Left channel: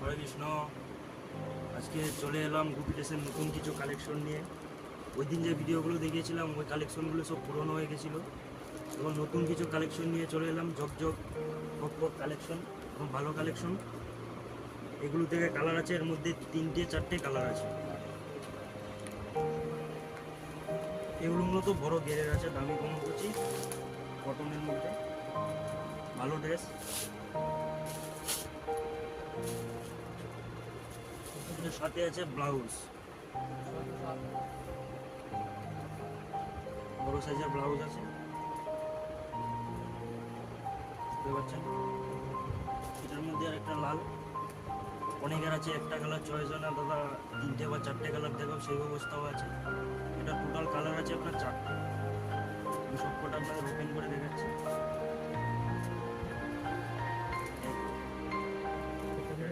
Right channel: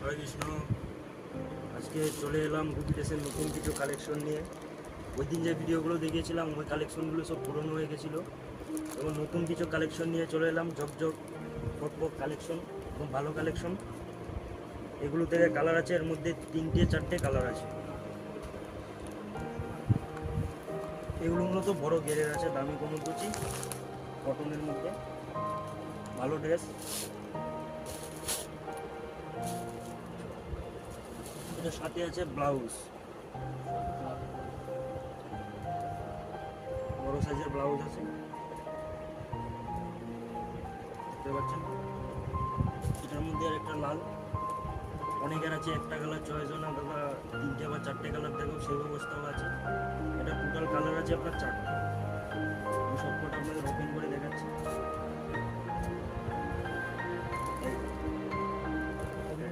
হরে কৃষ্ণ। আজকে চলে এলাম গুপি ড্রেসের নতুন কিছু কালেকশন নিয়ে। ওই দিন যে ভিডিওগুলো দেখিয়েছিলাম ওই কালেকশনগুলো সব পুরনো হয়ে গেছিলো, এবং নতুন কিছু কালেকশন নিয়ে চলে এলাম। ঝকঝক পক কালেকশন এবং ভালো কালেকশন। এগুলো থেকে কালার আছে, এর মধ্যে 3-4টে কালার আছে। এগুলো মূলত বড় গেরের আছে, দামি কমন করছি, কটনের মধ্যে ভালো ড্রেস। এটার সাথে আছে ব্লাউজ, বড় সাইজের ব্লাউজ আছে, দেখতে পাচ্ছেন। এটার মধ্যে আর একটা লাল, অনেকের আছে একটা কালার চয়েস হয় না দাদা, 3টে বা 4টে কালার দেখাও, সেই ব্যবস্থাও আছে। এটা টোটাল কালার আছে আপনার 4টে। আমি সবকটা আপনাদের ওপেন করে দেখাচ্ছি।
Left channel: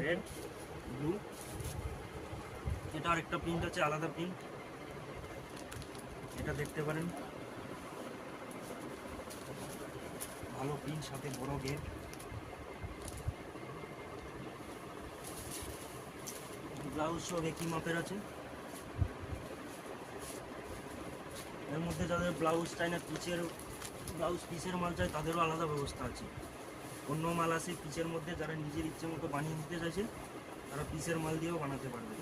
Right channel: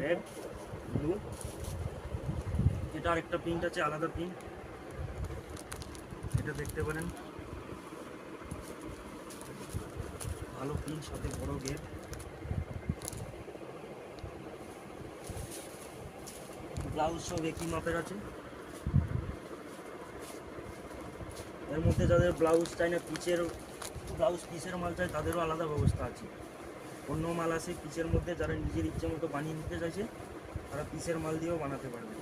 রেড, ব্লু, এটা আরেকটা প্রিন্ট আছে, আলাদা প্রিন্ট, এটা দেখতে পারেন। ভালো প্রিন্ট, সাথে বড় গেট। ব্লাউজ সব একই মাপের আছে। এর মধ্যে যাদের ব্লাউজ চাই না, পিসের মাল চাই, তাদেরও আলাদা ব্যবস্থা আছে। অন্য মাল আছে পিসের মধ্যে, যারা নিজের ইচ্ছে মতো বানিয়ে নিতে চাইছে তারা পিসের মাল দিয়েও বানাতে পারবে।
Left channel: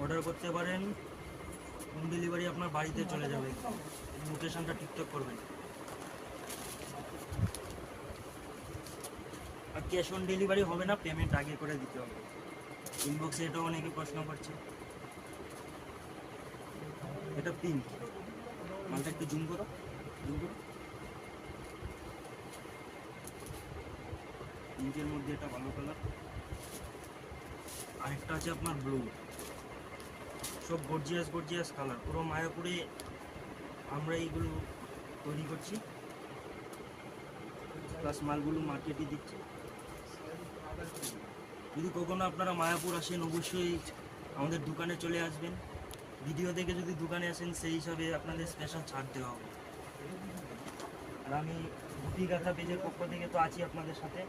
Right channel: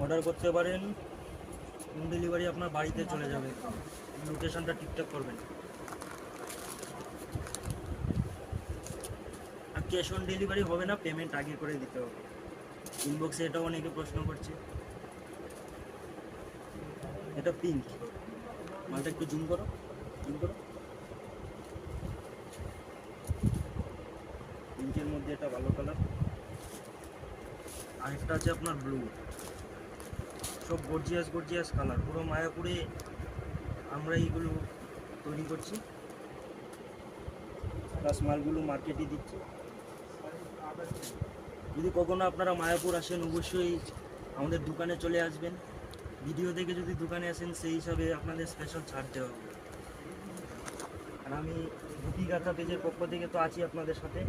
অর্ডার করতে পারেন, হোম ডেলিভারি আপনার বাড়িতে চলে যাবে, লোকেশনটা ঠিকঠাক করবেন। আর ক্যাশ অন ডেলিভারি হবে না, পেমেন্ট আগে করে দিতে হবে। ইনবক্সে এটাও অনেকে প্রশ্ন করছে। এটা পিঙ্ক, মালটা একটু জুম করো, পিঙ্কের মধ্যে এটা ভালো কালার। আরেকটা আছে আপনার ব্লু। সব গর্জিয়াস কালার, পুরো মায়াপুরে আমরা এইগুলো তৈরি করছি, প্লাস মালগুলো মার্কেটে দিচ্ছি। যদি কখনো আপনারা মায়াপুর আসেন, অবশ্যই আমাদের দোকানে চলে আসবেন। ভিডিও দেখে যদি দোকানে আসেন, সেই হিসাবে আপনাদের স্পেশাল ছাড় দেওয়া হবে। আর আমি গুপি গাথা পেজের পক্ষ থেকে তো আছি আপনাদের সাথে।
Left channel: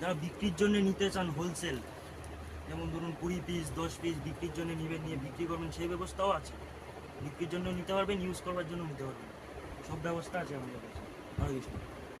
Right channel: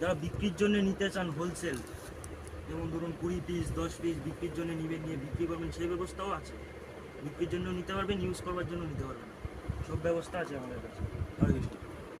যারা বিক্রির জন্য নিতে চান হোলসেল, যেমন ধরুন 20 পিস 10 পিস বিক্রির জন্য নিয়ে বিক্রি করবেন, সেই ব্যবস্থাও আছে। বিক্রির জন্য নিতে পারবেন, ইউজ করবার জন্য নিতে পারবেন, সব ব্যবস্থা আছে আমাদের কাছে। হরে কৃষ্ণ।